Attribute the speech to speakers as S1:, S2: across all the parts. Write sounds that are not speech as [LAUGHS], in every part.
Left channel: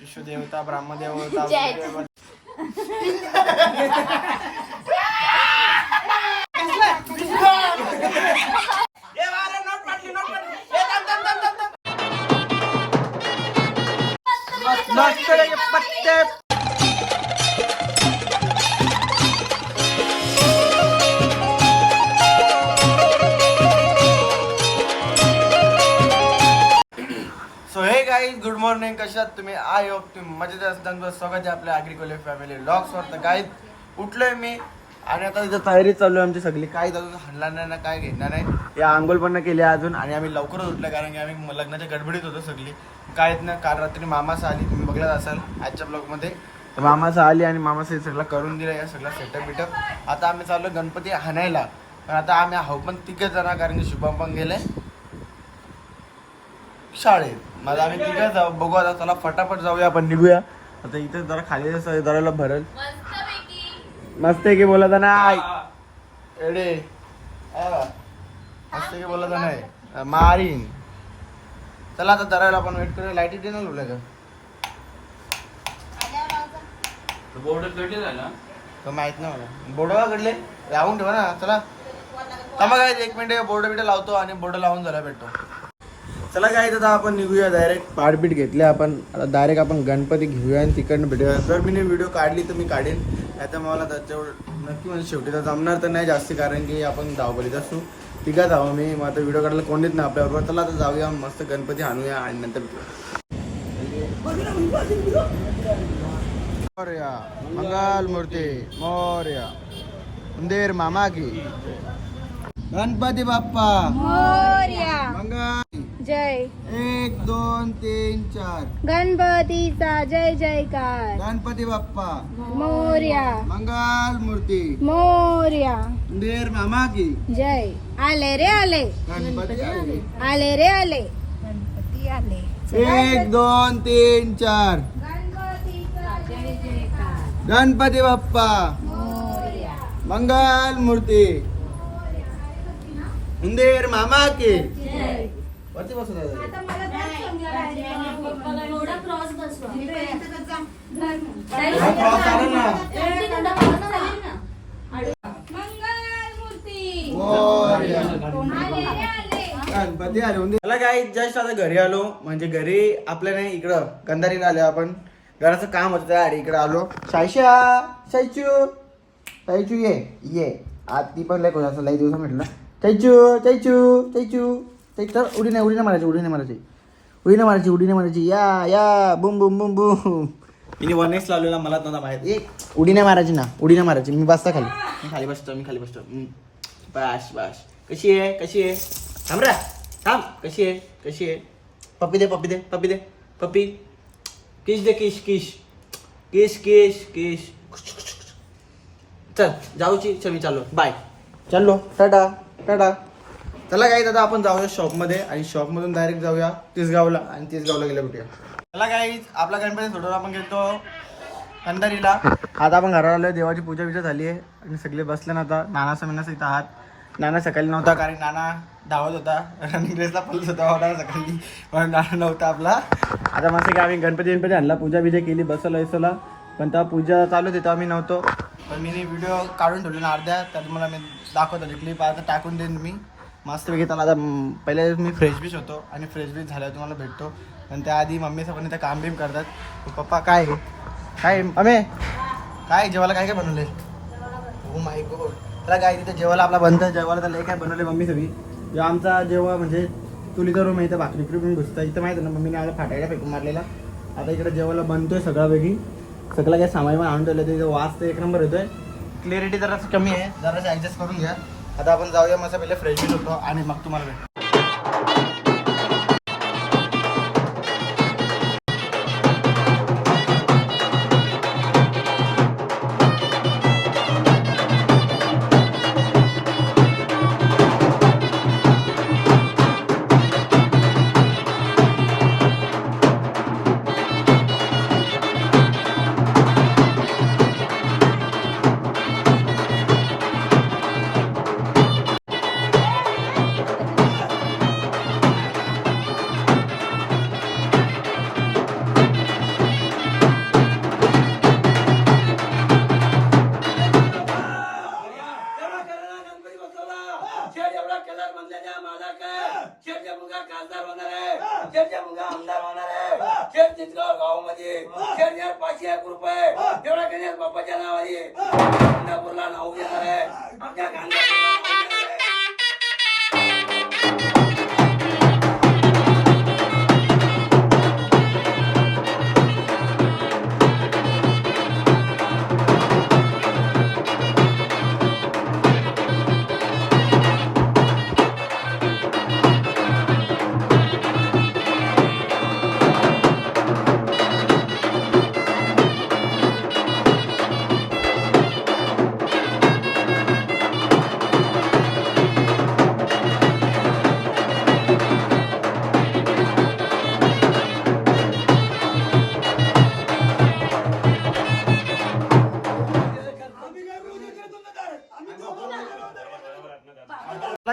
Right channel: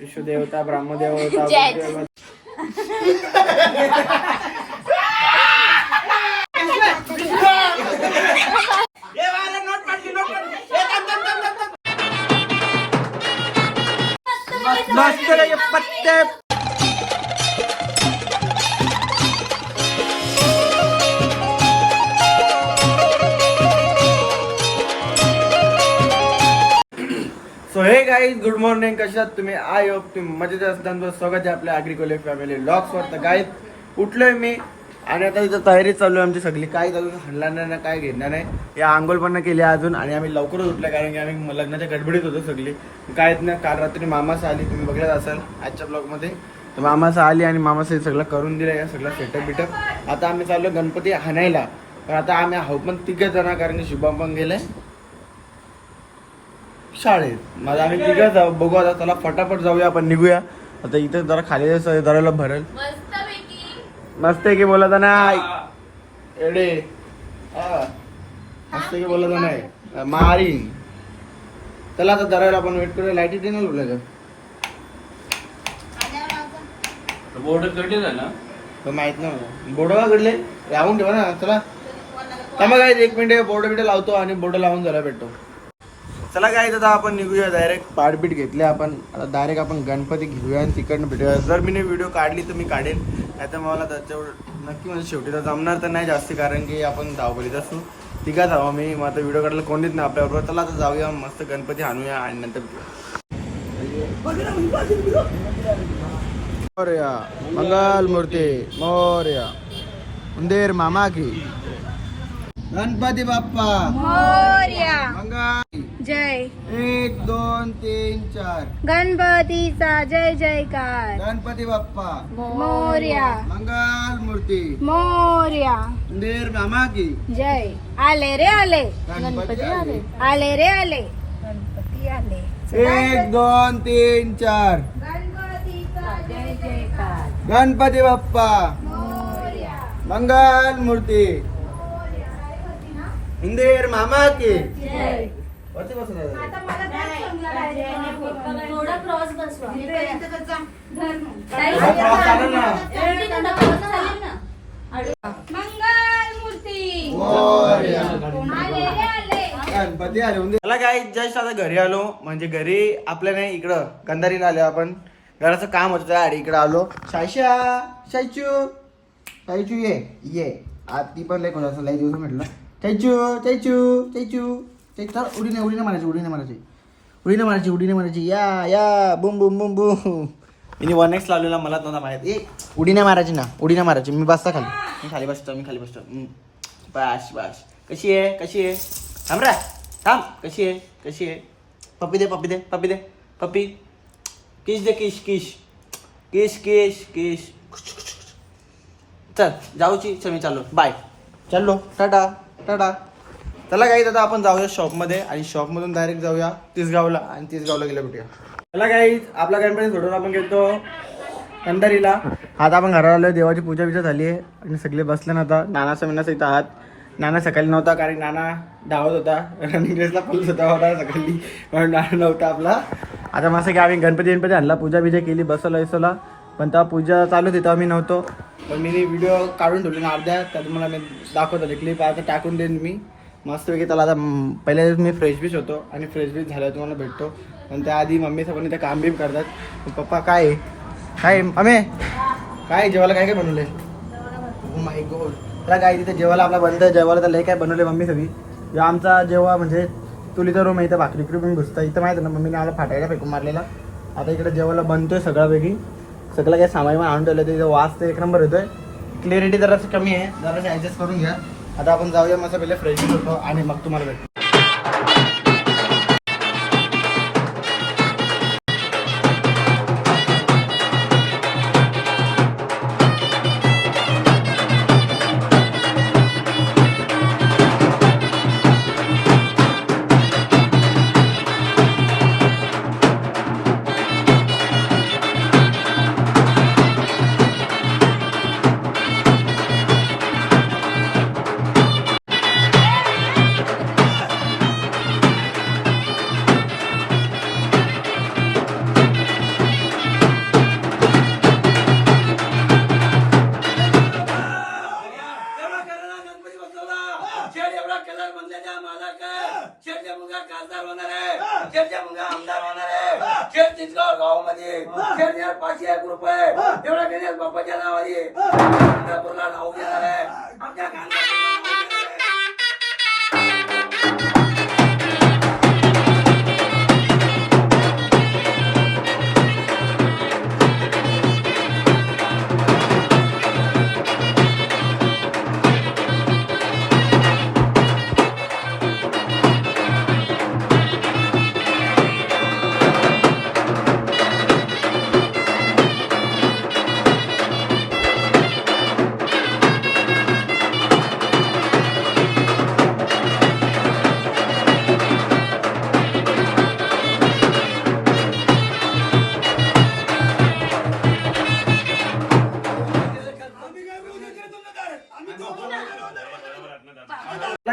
S1: विश्वदेवता. ब्रह्मदेवता [LAUGHS] कशात तुम्ही I hope तुम्ही मजेत असताना स्वागत आहे आपल्या अग्रिकोले फॅमिली वर. तर गाईत उठलोय मी. आणि आता इथं तयारी चालू आहे आमची सगळी. काही अजून हल्ला नाही ना काय घेणार नाही. या आंघोळ पण केली अजून. आणि आम्ही लवकरच उठलो कारण की आम्ही लग्नाच्या गडबडीत होतो सगळी. काय नाही काल रात्री मामासा आली. तुम्ही बघत असाल आजच्या ब्लॉगमध्ये तर मामासा आली आणि मामासा सगळं करून दिलं या सगळं सेटअप बिटअप आता आम्ही चाललो गणपती हाणायला. पण आता आम्ही हाऊ पण तिघं जण कारण की शुभम पण गेलं शाळेत. माझा आम्ही तिघं जाऊ बघू आता चला फटाफट जाऊया आपण निघूया. आता इथे जरा खाली जरा भरेल मस्त आहे की बोलत नाही एडे हा. मस्त आहे की बोलत नाही मारीन. चला आता दरायला आपण वेट करूया. लाइट येते ना तुला
S2: बोर्ड कटले ना
S1: तर माहीत नाही मला. बोर्ड घडले लावून ठेवा ना चला. थांबा काय एक मिनिट बोर्ड बिट लावतो आणि बोर्ड लावून झाला भेटतो. चला काय आता आपण निघूया डायरेक्ट पाठबीट घेतले आपण. आता डायरेक्ट आपण गणपती घेऊया आणि तिकडनं भेटूया. जर मी व्हिडिओ काढली तर मी काढेन. नाही तर मला त्याच्यावर नक्की म्हणजे शेवटी तर जमणार तर नाही जास्ती कारण की आपण धावपलीत असू. तिघा जावं मी मग आता व्हिडिओ काढायला कोणीच नाही आपल्याबरोबर. चला आता जाऊया मस्त गणपती आणूया आणि नंतर भेटूया. मोरया मंगल मूर्ती मोरया. उंदेर मामा की. गणपती बाप्पा. मंगल
S3: जय.
S1: एक दोन तीन चार.
S3: गणपतीचा जय जयकार.
S1: गणपती बाप्पा.
S3: मोर्या.
S1: मंगल मूर्ती.
S3: मोर्या.
S1: उंदेर मामा की
S3: जय. आले रे आले.
S1: गणपती आले.
S3: आले. रे आले. गणपती आले.
S1: एक दोन तीन चार.
S3: गणपतीचा जय जयकार.
S1: गणपती बाप्पा.
S3: मोर्या.
S1: मंगल मूर्ती. उंदेर मामा की
S3: जय.
S1: वरती बसून आहे. थोडा क्रॉस चालेल ना.
S3: मंगल मूर्ती
S1: मोरया.
S3: आले रे आले.
S1: गणपती आले. मला काय जस्ट आता घरी आलो. म्हणजे घरी आपल्या नाही इकडं गंधारीला आलो आपण. घराचं काम होतं त्या इकडं आलो. शायशा शायचू शायचू ये ये. आज ती पण लय कोणाचं लई दिवस म्हटलं चैचू चैचू चैचू चैचू उडी नाही उडी नाही मारायची उडी नाही मारायची. उडी नाही मारायची उडी नाही मारायची. या या बुम बुम बुम बुम. मी वन एक्स लावलेला मला नव्हता माहीत. ए उडी नाही मारायची ना उडी नाही मारायची. मी बसता खाली. मी खाली बसतो मी खाली बसतो. बस बस. कशी आहे कशी आहे? थांब रे. थांब. कशी आहे कशी आहे? पप्पी दे पप्पी दे पप्पी दे. पप्पी. किश दे किश किश. किश किश किश. चल जाऊची चल मी चाललो. बाय चाललो. टाटा टाटा. चला काही दादा आपण जाऊया शॉपमध्ये आणि शॉपमधून डायरेक्ट जाऊया तिसगावला आणि तिसगावला गेलं भेटूया. चला काही आपला गणपती सोडून आपण घेतो कंदारीला आता आपण घरावर देवाची पूजा बिजा झाली आहे आणि सगळे बसले ना आता. नाना समीनाचा इथं आहात. नाना सकाळी नव्हता कारण नाना धावत होता. रनिंग रेसला पोलीस होता होता सकाळी. म्हणून नाना नव्हता आपला. आता मस्त की आम्ही गणपती गणपती आणला पूजा बिजा केली बसवलं बसवला पण तेव्हा पूजा चालू तिथं तेव्हा मी नव्हतो. पण मी व्हिडिओ काढून ठेवले ना अर्ध्या. तर मला मी दाखवत आले क्लिप आता टाकून देईन मी. मस्तपैकी त्याला आता पहिल्या दिवस मी फ्रेश बीच होतो आणि फ्रेश बीच झाल्यावर तुम्हाला भेटतो. आणि त्याआधी मम्मी सगळं ते काम बीम करतात. पप्पा काय? आहे? काय अमे काय जेवायला काय काय बनवले हो माय गॉड त्याला काय तिथे जेवायला आपला बनतं जेवायला त्याला काय बनवले मम्मी सगळी? जेव्हा आमचा जेव्हा म्हणजे तुलीचा रूम आहे इथं भाकरी बिकरी पण घुसतं इथं माहिती ना मम्मीने आला फाटायला फेकून मारलेला. आता इकडे जेवायला बनतोय सगळ्यापैकी. सगळं काय सामान आणून ठेवलं तिथं वास तर एक नंबर येतोय. क्लिअरिटी जरासं कमी आहे. जरासं ॲडजस्ट करून घ्या. आता आपण जाऊया मस्त पहिले फ्रेश होतो आणि मग तुम्हाला भेटतो
S4: शेरच्या मुलगा खासदार होणार आहे. शेरच्या मुलगा आमदार होणार आहे. शेर चिचगाव गावामध्ये. शेर पाचशे एक रुपये. एवढा गणेश बाप्पाच्या नावाने. गांधापूरला नाव घेणार आहे.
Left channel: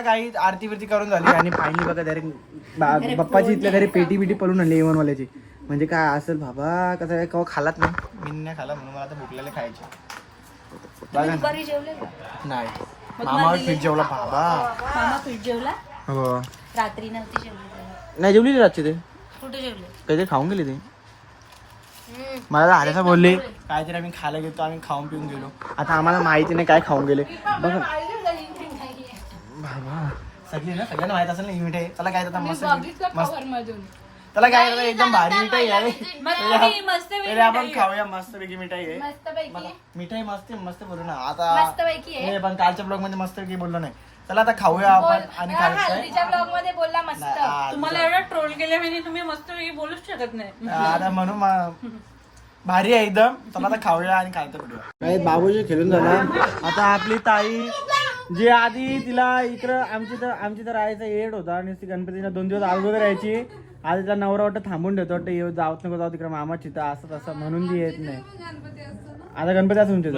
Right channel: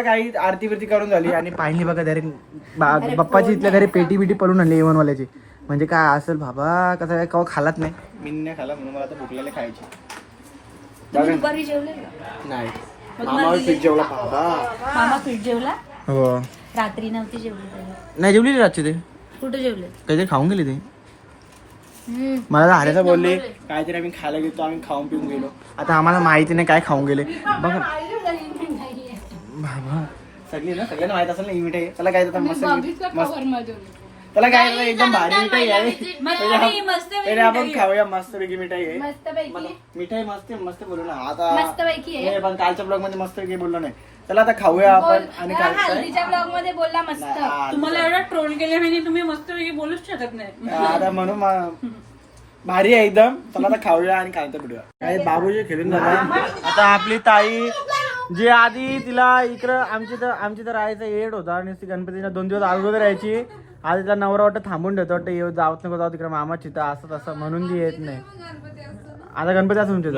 S1: काही आरती बिरती करून झाली आणि पाणी बघा घरी बा- बाप्पाची इथल्या घरी पेटी बिटी पळून आणली येवन वाल्याची म्हणजे काय असेल बाबा कसं काय कवा खालात नाही? मी नाही खाला म्हणून मला आता भुकलेले खायची. बघा
S3: दुपारी जेवले का?
S1: नाही. मामावर पीठ जेवला बाबा.
S3: मामा पीठ जेवला?
S1: हो.
S3: रात्री नव्हती जेवली
S1: नाही जेवली रातची ते.
S3: कुठे जेवले?
S1: काहीतरी खाऊन गेली ते.
S3: हम्म.
S1: मला आल्याचं बोलले काहीतरी आम्ही खायला गेलो आम्ही खाऊन पिऊन गेलो. आता आम्हाला माहिती नाही काय खाऊन गेले. बघा. सगळी ना सगळ्यांना माहीत असेल ना ही मिठाई. त्याला काय आता मस्त मस्त त्याला काय एकदम भारी मिठाई आहे.
S3: नाही, [LAUGHS] मस्त
S1: पहिले आपण खाऊया मस्त पैकी मिठाई आहे. मिठाई मस्त आहे, मस्त बोलू ना. आता. नाही, पण कालच्या ब्लॉगमध्ये मस्त पैकी बोललो नाही. चला आता खाऊया आपण आणि
S3: हा,
S1: काय काय?
S3: ब्लॉगमध्ये बोलला मस्त.
S5: तुम्हाला एवढा ट्रोल केले म्हणजे तुम्ही मस्त बोलूच शकत नाही.
S1: आता म्हणून भारी आहे एकदम. चला आता खाऊया आणि खायचं पिढूया काही बाबूजी खेळून जाणार. आता आपली ताई जी आधी तिला इकडं आमची तर आमची तर राहायचं एड होता आणि ती गणपतीला दोन दिवस अगोदर यायची. आधी तिचा नवरा वाटतं थांबून ठेवतो वाटतं येऊ जावत नको जाऊ तिकडे मामा चिता असं तसं म्हणून ती येत नाही. आता गणपती असं तुमच्या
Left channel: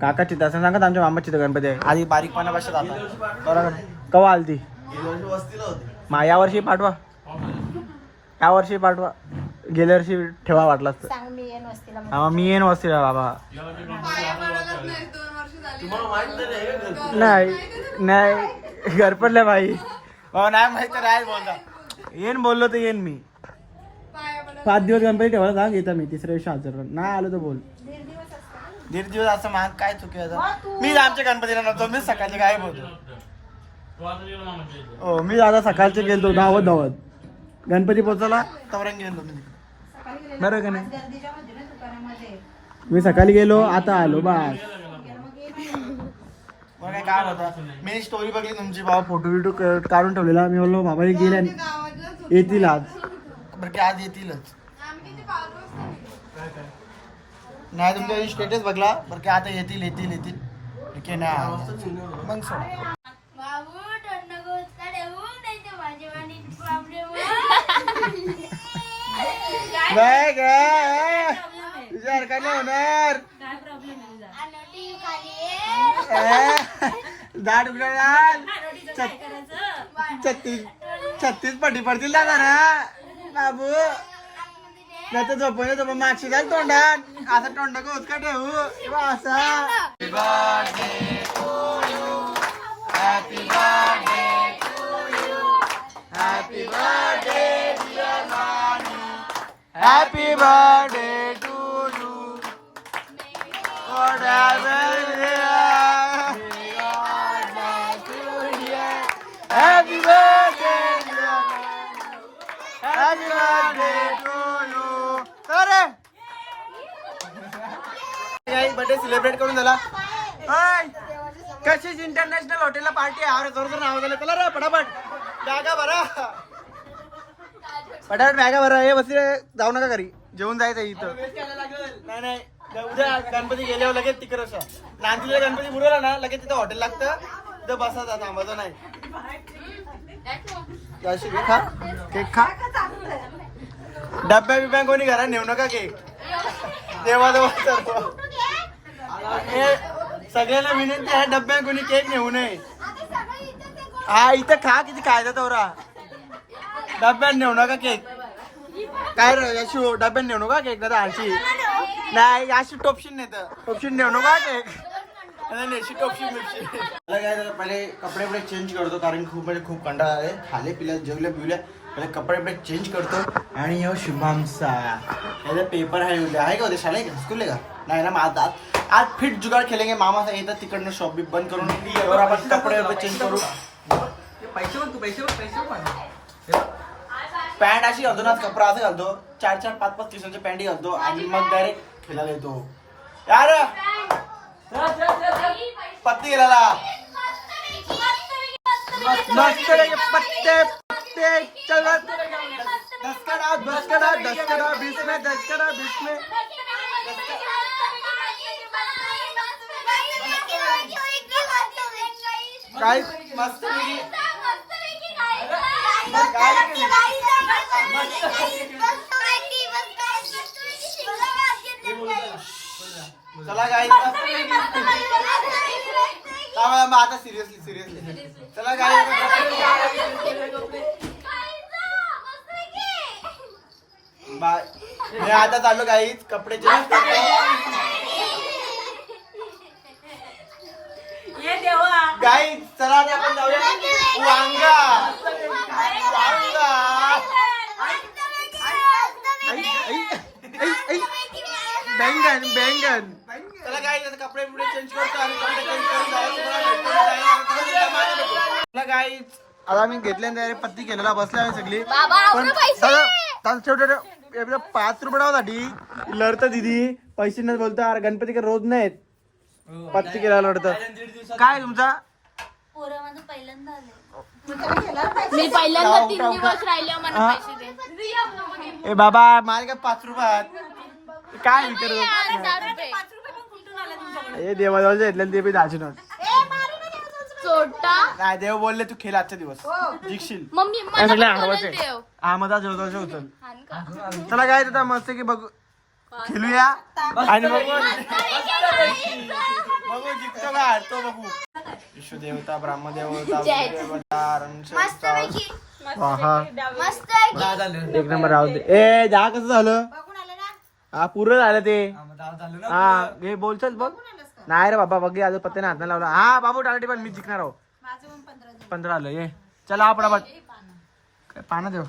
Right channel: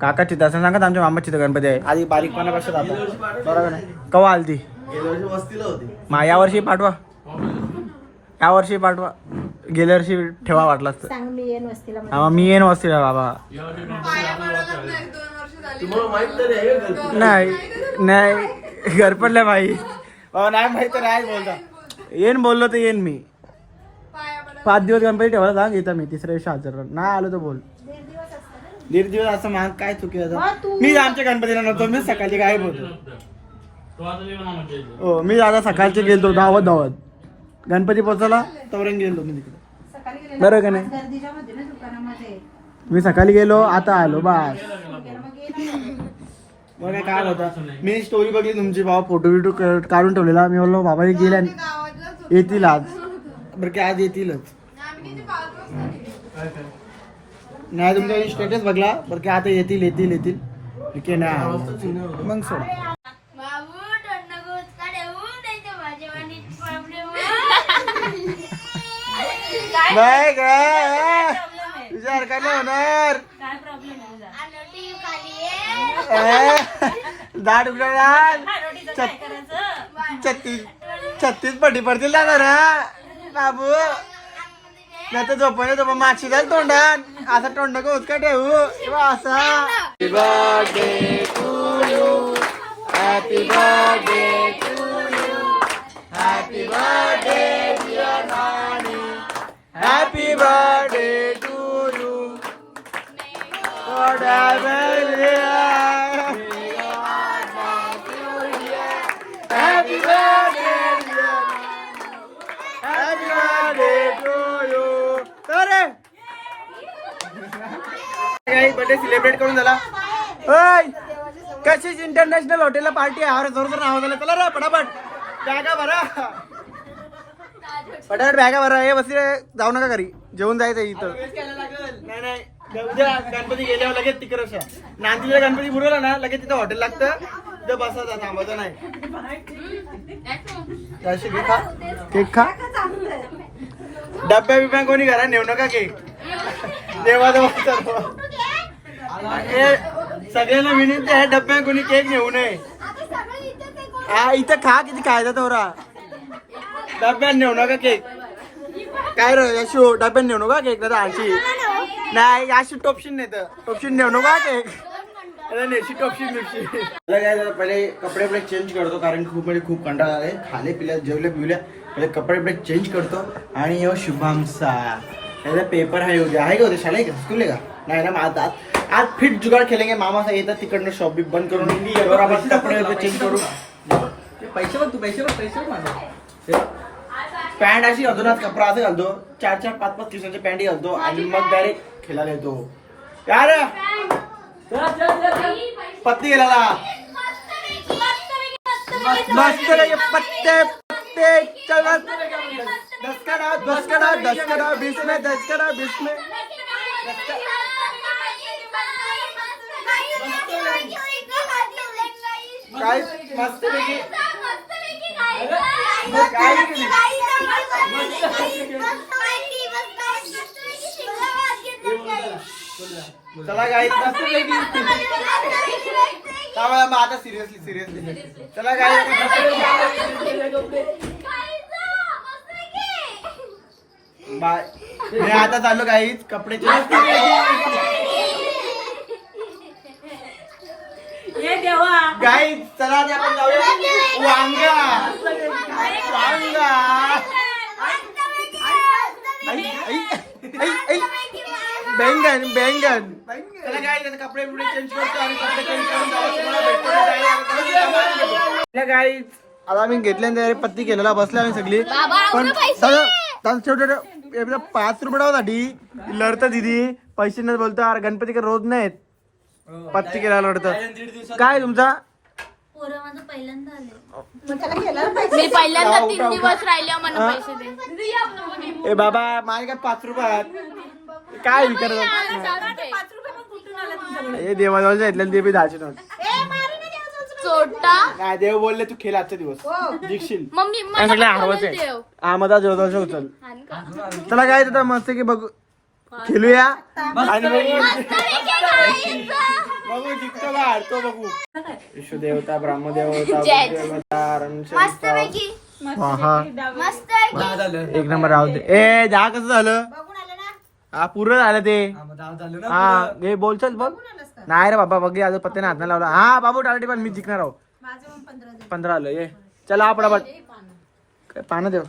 S1: काका चिता असं सांगत आमच्या मामा चिता गणपती आहे. आधी बारीकपणापासून जातात? बरोबर ना कवा आली ती मा या वर्षी पाठवा. या वर्षी पाठवा. गेल्या वर्षी ठेवा वाटला
S3: वस्तीला
S1: हा, मी येईन वस्तीला बाबा.
S4: तुम्हाला माहीत तरी आहे का घरकुल?
S1: नाही नाही. घरपडले बाई. बाबा नाही माहीत तर नाही बोलता. येईन बोललो तर येईन मी. पाच दिवस गणपती ठेवायला सांग येतं मी. तिसऱ्या दिवशी हजर. नाही आलो तर बोल. दीड दिवस असं माग काय चुकी होतं मी आमच्या गणपतीला नव्हतो मी सकाळची काय बोलतो
S2: तो आता मी म्हणा म्हटलं
S1: हो मी आता सकाळचे गेलो धावत धावत. गणपती पोचला तवरेन गेलो मी तिकडे. बरं का नाही? मी सकाळी गेलो आता आलो बस. बघा काय होतं. मी स्टोरी बघली तुमची बाबा फोटो बिटो का- काढून ठेवलेला. मी बोललो बाबा गेल्या येतील आज. बरं की आज येतीलच. नाही तुमच्या स्टेटस बघला. बरं की आता येतील येतील येतील. ठीक आहे आले. मग सोड. नाही काय विचार होणार
S3: काय आहे
S1: ए, दाढ उघडणार छत्तीस छत्तीस पटी पडतील ना जरा बाबू नाही तर झोपायला तर माशी जाईल तोंडात असा तोंड का उचका ठेवू किंवा असा happy birthday to you happy birthday to you happy birthday dear Nani happy birthday to birthday celebrate करून झाला कशीच इंटरनॅशनल हॉटेलला पार्टी आहे? अरे जोर नाव झालं चला पटापट. बॅगा भरा पटापट बॅगा भरा हे बस जाऊ नका घरी जेवून जायचं इथं नाही नाही उद्या गणपती गेल्यावर लगेच तिकडे नांदीला गणपती बुडवला ना लगेच तिथं हॉटेल लागतं. तिथं बसायचं थांबायचं नाही. त्याशी खा. केक खा. डब्या बिब्या कोणी घरा नेऊ नका केक. तेव्हा सगळ्यांना विनंती आहे डब्या कोणी केक नेऊ नये. हा इथं खा किती खायचा तोरा डब्यात नेऊ नका केक. काय रे यशो डब्यात नेऊ नका केक तर आळशी नाही अशी टोपशीन नाही तर टोपशीन नेऊ नका केक. अरे नेशी टोपशीन नेशी मला काय झालं पहिले कपडे वपडे चेंज करतो कारण खूप म्हणजे खूप कंटाळा आहे खाले पिल्या जेवले पिवल्या पहिले कपडे बिपडे चेंज करतो. आणि यो शुभामचा त्याचा पेपर आहे उद्या. आहे का उद्या? शाळा आहे का? स्कूल आहे का? नाही ना मग आज आज- फिट जुगाड खेळेंगे. मामा येतात तिकडनं शॉप बी बंद करून. कपडे चेंज करू. पैसे बघ तू पैसे बघ पैसे बघ माझा पॅन्ट अशी घालतो ना कपडा असं घालतो चार चार पाच पाच दिवसांचे पॅन्ट घालतो आणि मग डायरेक्ट खेळायला येतो यार! पत्ती गेला मस्त पत्ते पत्ते चल बस. दस का डाल दस का डाल दस का डाल बीस में दस का डाल बीस में। काय मस्त पैकी चला गाई मस्त पैकी त्यामुळे मग आता सिरियसली सिरियसली चला गाई बाय मी आता चालू गाईच कपडे गाईज चला आपण जाऊया. वांगा. वांगा. बेंगन बेंगन चला गाईज आता कपडे चेंज करतो आणि कपडे चेंज करून जाऊ तुम्हाला भेटतो ना गाईज. आता मी घेतल्यानंतर पत्ती केलेला बसला आम्ही सगळी पण त्याला छोटे पाच रुपयासाठी लढता दिदी पैसे नाही बोलतो अरे गणपती का रोज नाहीत. पत्ती केला लढतात काय तुमचा?
S3: पोरं माझं पहिल्यांदा आले
S1: जाऊ, उठा, उठा. ए बाबा माझे काय पाच रुपये आहेत? काय विचार हे देवाजवळच्या घेतले ते बी दहाचे नोट नाही देव बोलले तू खेळ आजचा दिवस. जिंकशील. आणि सगळे आवाज आहे. जोरदार उचल चला. काय? मस्त की बघू खेळूया आणि बघू बघू जिंकतो का हारतो बघू. विश्वदेवता ब्रह्मदेवता हा हा. एक नंबर राहू दे. ए जा कसं झालं? हा पूर्ण झालं ते. हा हे बोलचाल बघ नाही रे बाबा बघ अजून पत्ते हात नाही लावला. हा बाबू टाळटी पण मी जिंकणार आहो. पंधरा आलं ये चला आपण काय पानं. देव. ए,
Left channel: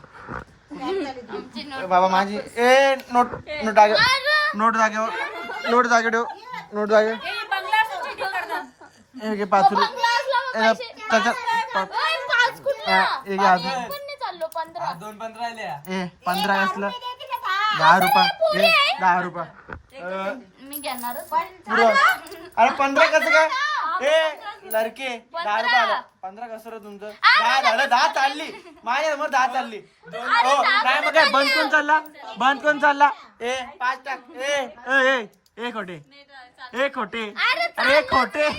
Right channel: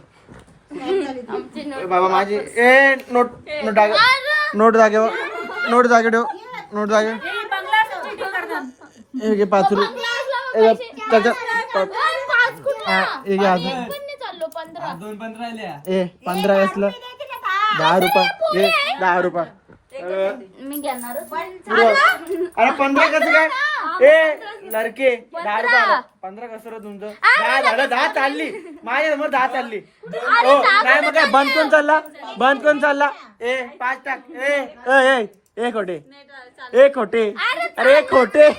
S1: बाबा माझी ए नोट नोट जागे नोट जागे नोट जागे ठेव. नोट जागे. हे घे पाच रुपये. ए, त्याच्यात हा, घे अजून. ए पंधरा असलं. दहा रुपये. ए दहा रुपये. अरे पंधरा कसं काय? ए लडके दहा रुपये आलं. पंधरा कसं रे तुमचं दहा झालं दहा चालली. माझ्यासमोर दहा चालली. हो नाही मग काय बंद कोण चालला? बंद कोण चालला? ए पाच टाक. ए ए, ए ए खोटे. ए खोटे. अरे खोटे.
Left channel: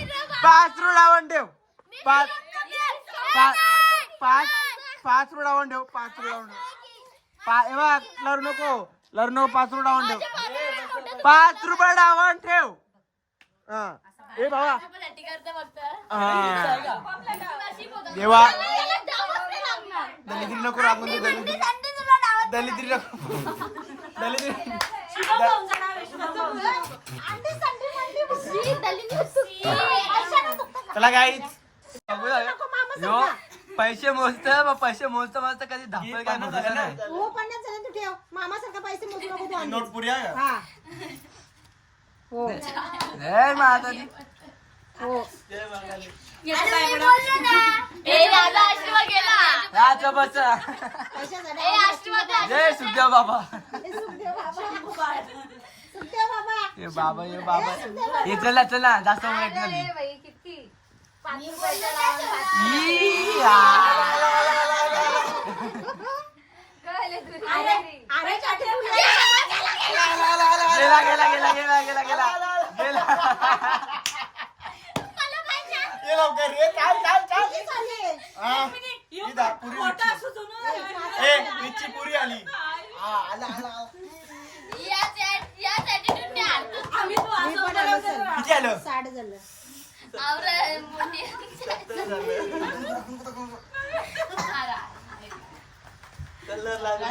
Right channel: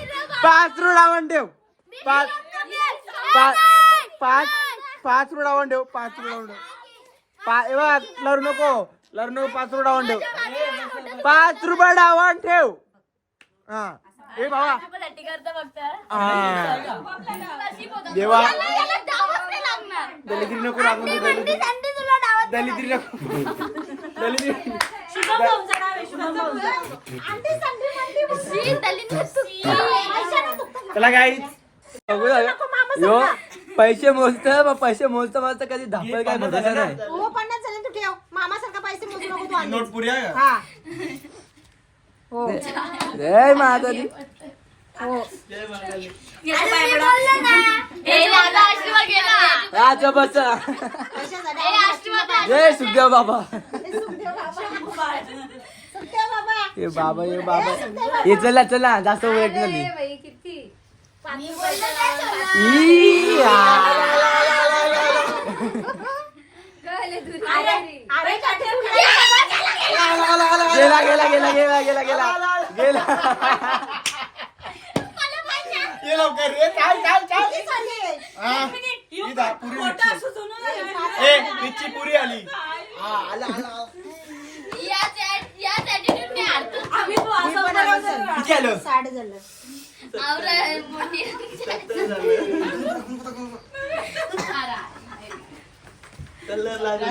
S1: पाच लावून ठेव. पाच पाच पाच पाच रुपये लावून ठेव. पाच रुपये लावून ठेव. पा ए बघ लरू नको. लरू नको पाच रुपये डावून ठेव. पाच रुपये डावून ठेव. हा. हा. देवा. दलिद्री नको रागून दे दलिद्री दलिद्री नको. दलिद्री चला गाईच
S6: बघू झालं. यो पैसे मोजत पैसे मोजता मोजता कधी धापळ काय भरोसा नाही
S1: नोट पुरी आहे का?
S6: जय माताजी राजा बसा जय सुखदेव बाबा. ये बाबा ये बाबा. ये चला चला. जास्त ओळख झाली ई, गेला गेला गेला गेला गेला गेला गेला
S1: ये लवकर रे चाल चाल चाल हा ही दा- पुरी
S5: आहे.
S1: ए मिरची पुरी आली. हा आला आला किती आलं.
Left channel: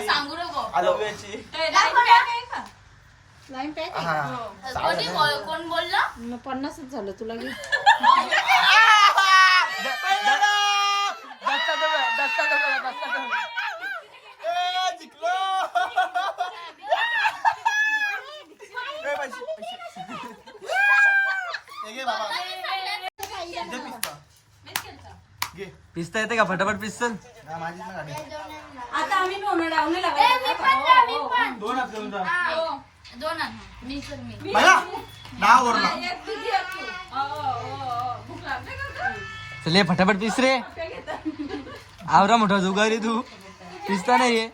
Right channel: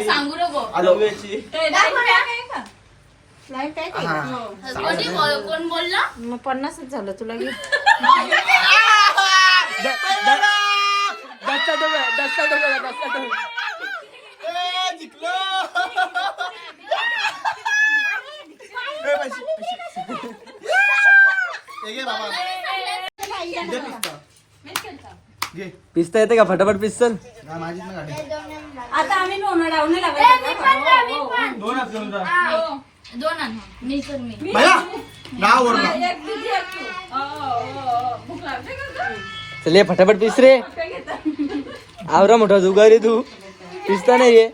S3: सांगू नको
S1: आलो
S5: पन्नासच झालं तुला
S6: पिस्ता. येते का फटाफट पिस्तल
S5: आता आम्ही
S3: लोणार आहोत
S1: लागले हात जा.
S3: दोन आण मी तर मी.
S1: ओरडा?
S6: चल फटाफट पिस रे? [LAUGHS] आवरा मोठा जुगा रे तू. पिसता नाहीये.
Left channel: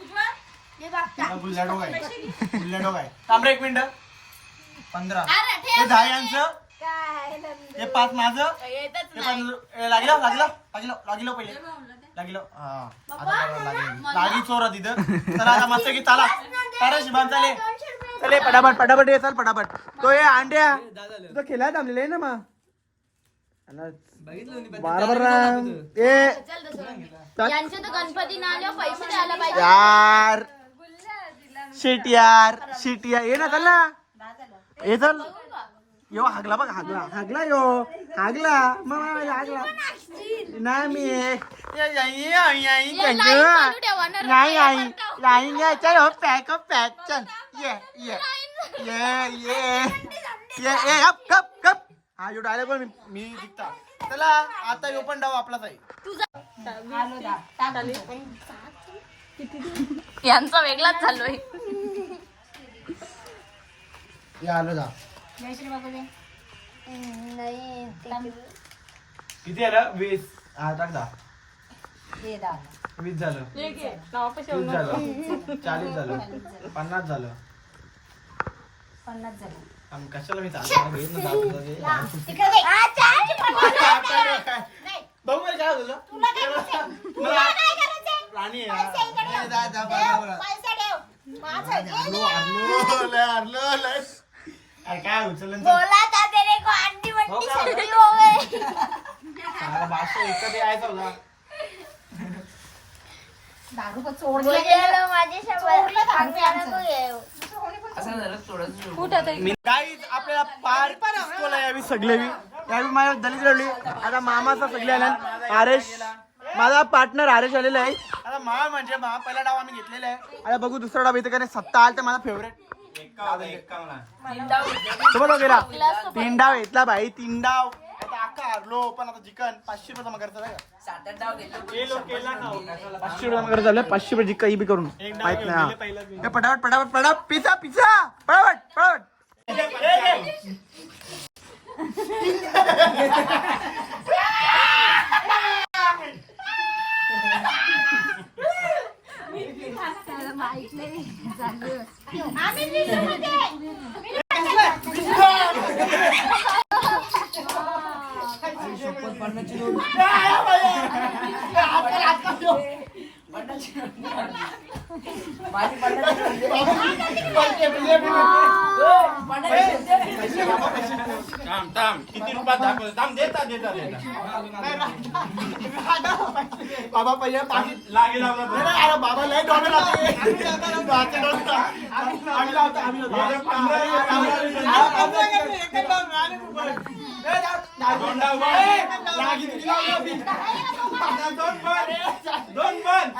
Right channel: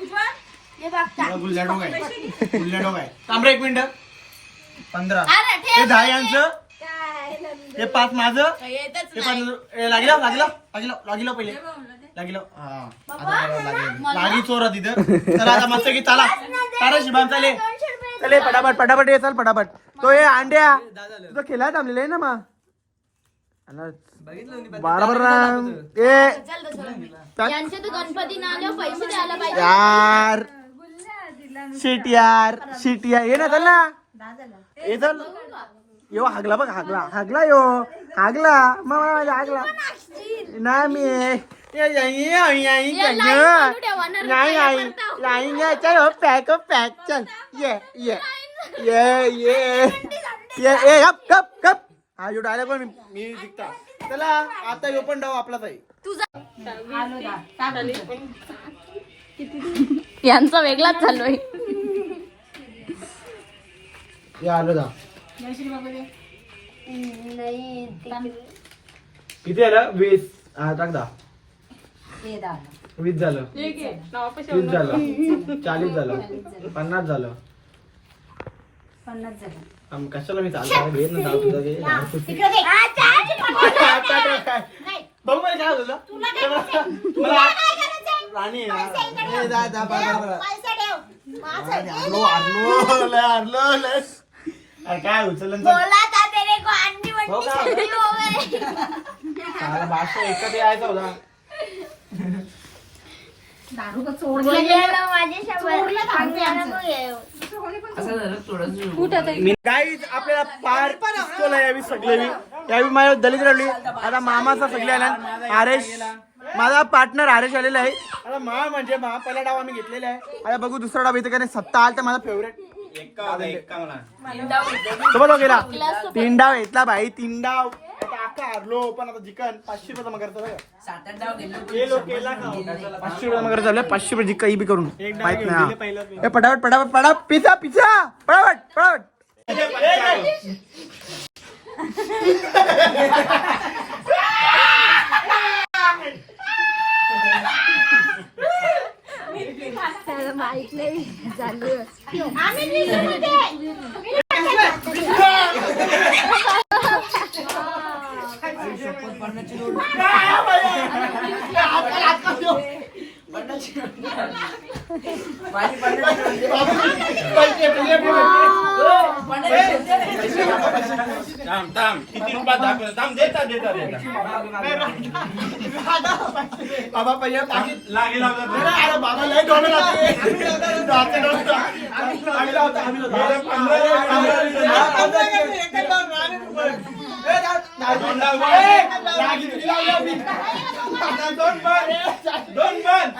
S5: उज्ज्वल?
S3: हे बघता
S1: गुल्ल्या आहे गुल्ल्या आहे थांब रे एक मिनिट. पंधरा.
S3: अरे
S1: हे
S3: ठेव
S1: दहा यांचं. हे पाच माझं. हे पाच लागला लागला लागला लागला पहिले. लागला हा आता बरोबर लागलं. लागी चोरा तिथं. चला आता मस्त की चला. चला शिबान चाले चले पटापट पटापट ये चल पटापट. तो हे अंड्या. तुझं खेळायला थांबलेलं आहे ना मग? बरोबर ना ते
S3: यांचे तर गणपती ना आल्यावर पैसे द्यायला पाहिजे.
S1: यार. शिट यार शिट यार. ये ना चल ना. ये चल. यो हागला बघ हागला. हागला यो. हागला. मग हागला. नाही मी ये जाई, आई, आई, चल ना. नाही आई लाईन घ्या चल हो पॅक पॅक चल. ये ये. ये ये. ये ए गप गप गप. हा जो डायलॉग पण मी जिंकता. चला आता यो पण डाव आपलाच आहे
S3: यांचा वेगळाच चालू आहे.
S1: हे आलो जा. किती आलं? वीस. हा टाक दा. वीस झालं. तीस झालं. चाळीस झालं. पन्नास झालं. आम, कशाला मी चालतो घेत ना नाव तुझं ते. काय मला राणी आहे जा, जा. अरे काय? हो का? मला भाषा एकच यायचा होता. गाईज आपल्याला पार पिस्तोल यावी सगळेवी यावी माझ्या दलित राहिली आता मामाचा सगळे ना आरेश. माझा पार्टनर आरेश आलेला आहे. आता मा म्हणजे मा पहिला डाव आम्ही घेतलेला आहे. आता बघू दुसरा डाव इथे काय नाही, सत्ता आठ माझा फेवरेट सोबत गेला तीन डाव घेतला भाई तीन डाव. आता हारलो पण आता जिकन पाचशे रुपये जमा करता पाचशे रुपये जमा करायचं पाचशे रुपये जिक्का ही बी करून ए पटापट पटापट पटापट. Pizza pizza. पटापट पटापट. मरणाची नोंद.
S2: माझी थांब थांब किती रुपयात दाखव थांब देता देता देता
S1: बाबा पहिले पाकिट
S2: लागेल
S1: अरे बाबा लय डोळे. हा, रुपये.
S2: दोन पण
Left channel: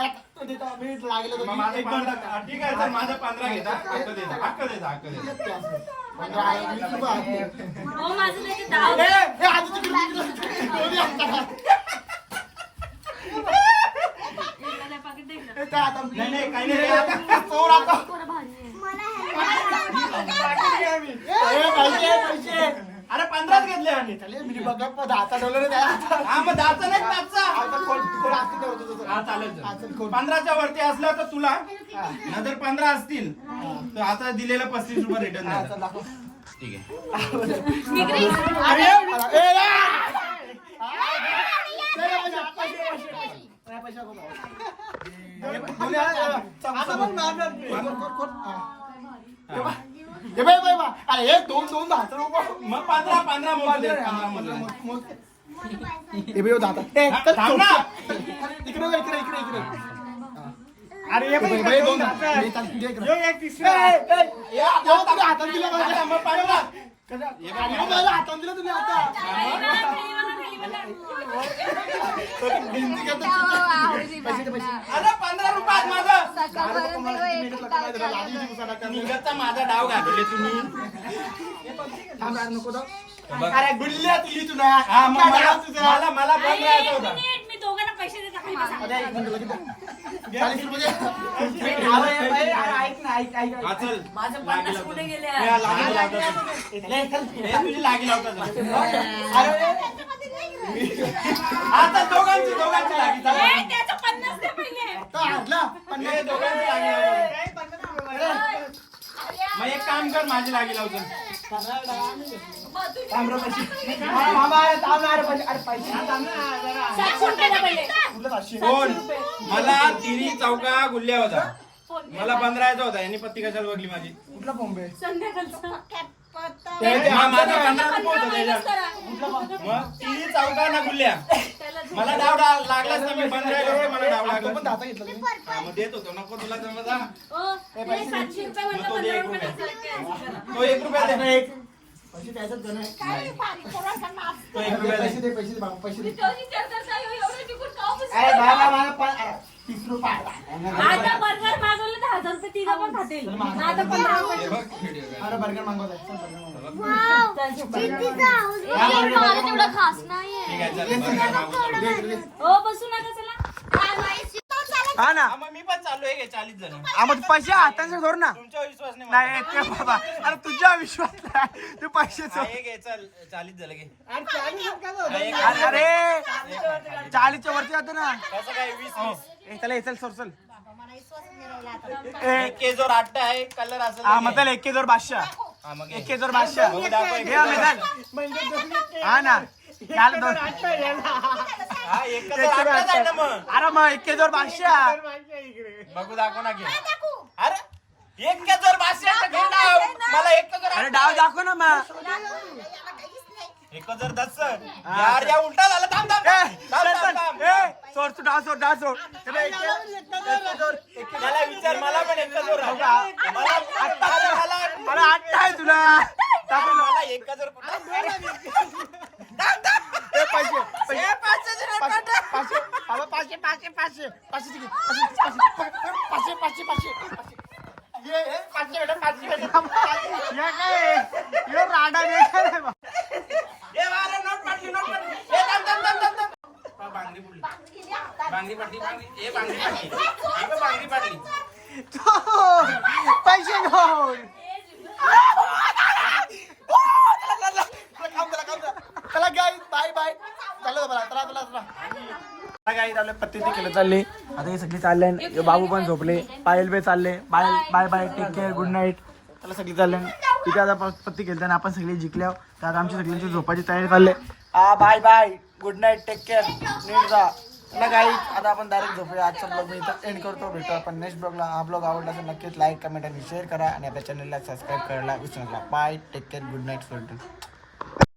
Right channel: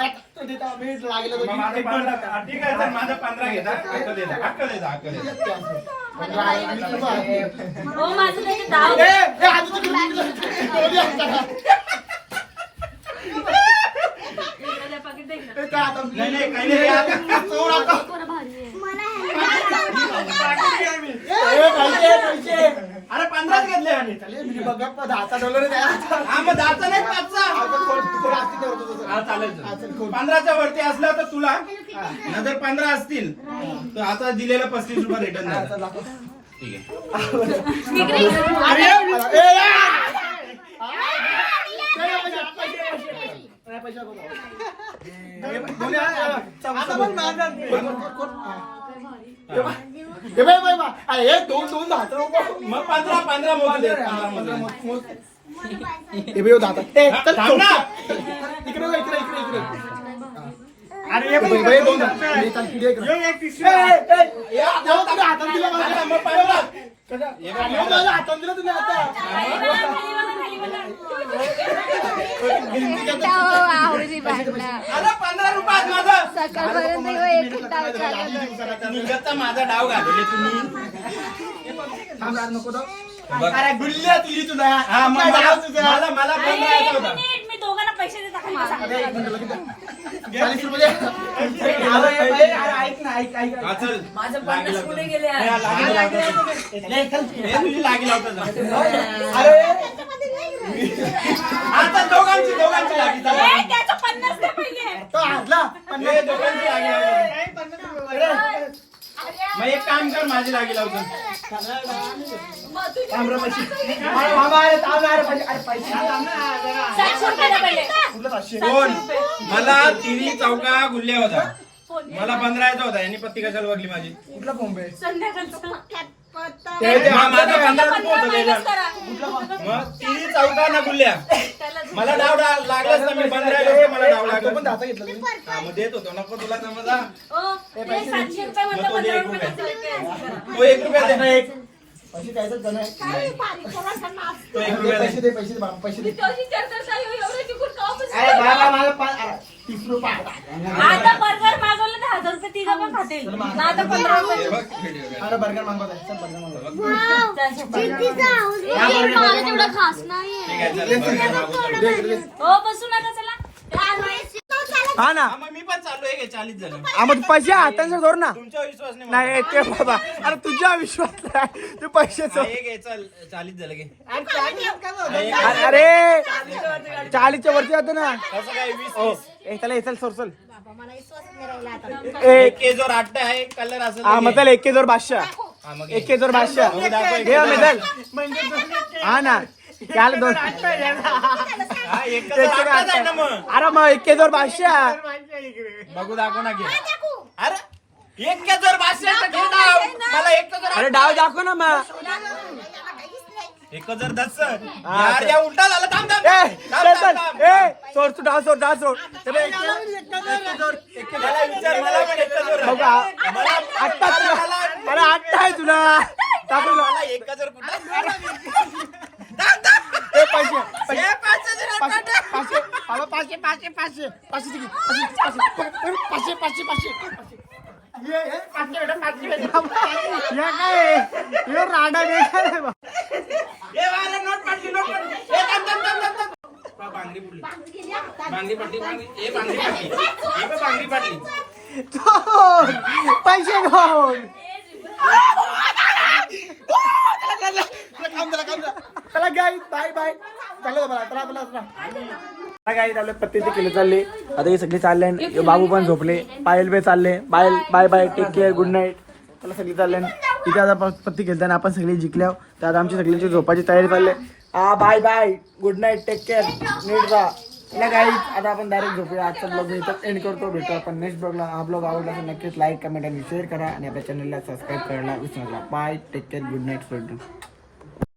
S2: ठीक आहे तर माझं पंधरा घेता हक्क देता हक्क देता हक्क देता
S5: हो, माझं त्याचे डाव
S1: ए,
S5: पाकिट दे इकडं.
S2: नाही नाही काही नाही या.
S1: चोर आता. ए, पैसे, पैसे.
S2: पंधराच घेतले
S1: मी बघा, पण दहाचा डॉलर आहे ना.
S2: हा मग दहाचा नाही पाचचा
S1: आता कोण- कोण असते करतो तसं.
S2: हा चालेल
S1: चल, कोण?
S2: पंधराच्या वरती असलं तर तुला नंतर पंधरा असतील तर आता दिलेलं पस्तीस रुपये रिटर्न झालं
S1: चल, दाखव.
S2: ठीक आहे
S1: ए! ए. कोण- कोण- हा. ए, बाई, बाई, बाई. अरे, हे दोन दोन दहा
S2: मग पंधरा पंधरा मोजून दे, पंधरा मोजून.
S1: हे ए,
S2: हा,
S1: चल,
S2: थांब ना.
S1: इकडे इकडे इकडे इकडे अरे बाई, बाई, दोन दहा. हे, चल, इकडे, इकडे. ए, ए, ए, या, तुम्ही हातात दिलं मला.
S2: मग
S1: कसं? हातात दिलं तुम्ही आता
S2: पंधरा रुपयात माझा. निघतचा माझा डाव घालले तुम्ही.
S6: अरे गुल्ल्या तिली.
S2: हा मला? मला पंधरा
S5: एक
S2: होता.
S5: पैसे देता का नाही
S6: अरे,
S5: सांग.
S6: एक मिनिट, लगेच दे. चाळीस रुपये दे. अरे, अरे, अरे, ऐक ना ऐक ऐक
S2: चल
S4: माझं
S2: लागी
S4: पन्नास
S2: लावतो.
S4: पुढे गेले
S2: हे, लागी लावतो.
S6: लय, चल.
S2: हे तुझी लागी लावतो जरा.
S6: अरे
S2: आता दोघांची दोघांची लागी चला.
S5: ए, त्याचं पन्नास दे पहिले
S6: तो हारला
S2: हे दोघांची लागी लावतो. मग एक काम कर माझी लागी लावतो? कोण? मला तिरी चौका गुल्ल्या होता. मला पंधरा यायचा होता यांनी पत्ती कशाला बघली माझी?
S6: कुठला बॉम्बे
S2: माझा पंधरा होता. मग तिरी चौका ना गुल्ल्या. मला डाव डाव लागलाच ना मी पंधरा होते, मला डाव
S6: तो पण
S2: लागला
S6: दाता घेतला.
S2: हा मग देत होतो. नको तुला समजा
S5: ओ, हे सातशे रुपये
S2: मग तो दे
S5: पंधरा
S2: एक
S5: रुपये.
S2: तो एक रुपया
S6: आता
S2: दे
S6: एक. पैसे द्यायचं जण आहे.
S2: तो एक
S6: दे,
S2: रुपया
S6: पैसे
S2: दे.
S6: दे पैसे दे बाबा पैसे दे.
S5: तुझी चर्चा चालू आहे, एवढं तिकून का बसली?
S6: अरे बाबा मला पा- अरे, तीस रुपये
S5: आता बर्गर मागवलं तर हजार रुपये तिघं पण खातील. ना आता पंधरा रुपये.
S2: हे.
S6: अरे बर्गर मागवत आहे चल बर्गर मागवत
S7: खास नाही.
S5: हो बसू नका चला.
S1: हा ना.
S2: हा, मग मी पण चालू आहे काय चालीस जण.
S1: हा, मग पैसे हाताने धर ना.
S2: तुमचा विश्वास नाही
S1: नाही ते बाबा. अरे तुझ्या विश्वास नाही. ते पैसे
S2: हा, चल. झालं
S1: अरे चाळीसच्या वरती जातो ना.
S2: कसं काय वीस
S1: हो. ए चला ए, चल सोर चल. ए
S2: एक केजवर आठ आहे कलर असेल
S1: हा. चल एक जोर बादशाह.
S2: हा, मग
S1: एक जोर बादशाह. घे मी चल हा ना. चाल दोन.
S2: हा,
S1: अरे मग एक जोर बादशाह.
S2: बघू दाखव ना घे. अरे एक बादशाह. मला एक केजवर
S1: अरे डाव दाखव ना मग.
S2: एक हजार दस यार या उलटा झाला थांब थांब
S1: ए
S2: थांब, थांब,
S1: चल
S2: थांब.
S1: ए सोड तू डाव सोड डाव सोड ते बघ, एक
S2: मला विचार मला पण एक केजवर
S1: बघ,
S2: आहे.
S1: आ-
S2: मला
S1: आत्ता तुला अरे आत्ता आहे तुला टाकू ना.
S2: मला एक हजार कुठं
S1: ए, पैसे पैसे पाचशे पाचशे अरे पाचशे पाचशे पाचशे पाचशे तिकीट पाचशे पाचशे पाचशे पाचशे ये, ये, पाचशे बेटा, पाचशे बेटा. राडा पैसे घेऊन
S6: चला गाई बाय बाय चला. चला चला चला
S1: किलो चालले. आता हे सगळे चालले बाबू पण झोपले. पायल बे चालले. Bye bye bye take care good night त्याला सगळी चालले तिथे आता पत्ती खेळताना आपण सगळी जिंकल्या तर आता आमची सगळ्यांची झोपाची तयारी चालली हा bye bye good night take care नीट राहा चला काही आता आपण डायरेक्ट झोपूया. आजचा ब्लॉग मी इथं एंड करतो. भेटू आपण नेक्स्ट ब्लॉगला हा ब्लॉग आवडला तर नक्कीच लाईक कमेंट आणि शेअर करा. आणि आपल्या चॅनलला सबस्क्राईब करायला विसरू नका. Bye take care good night friend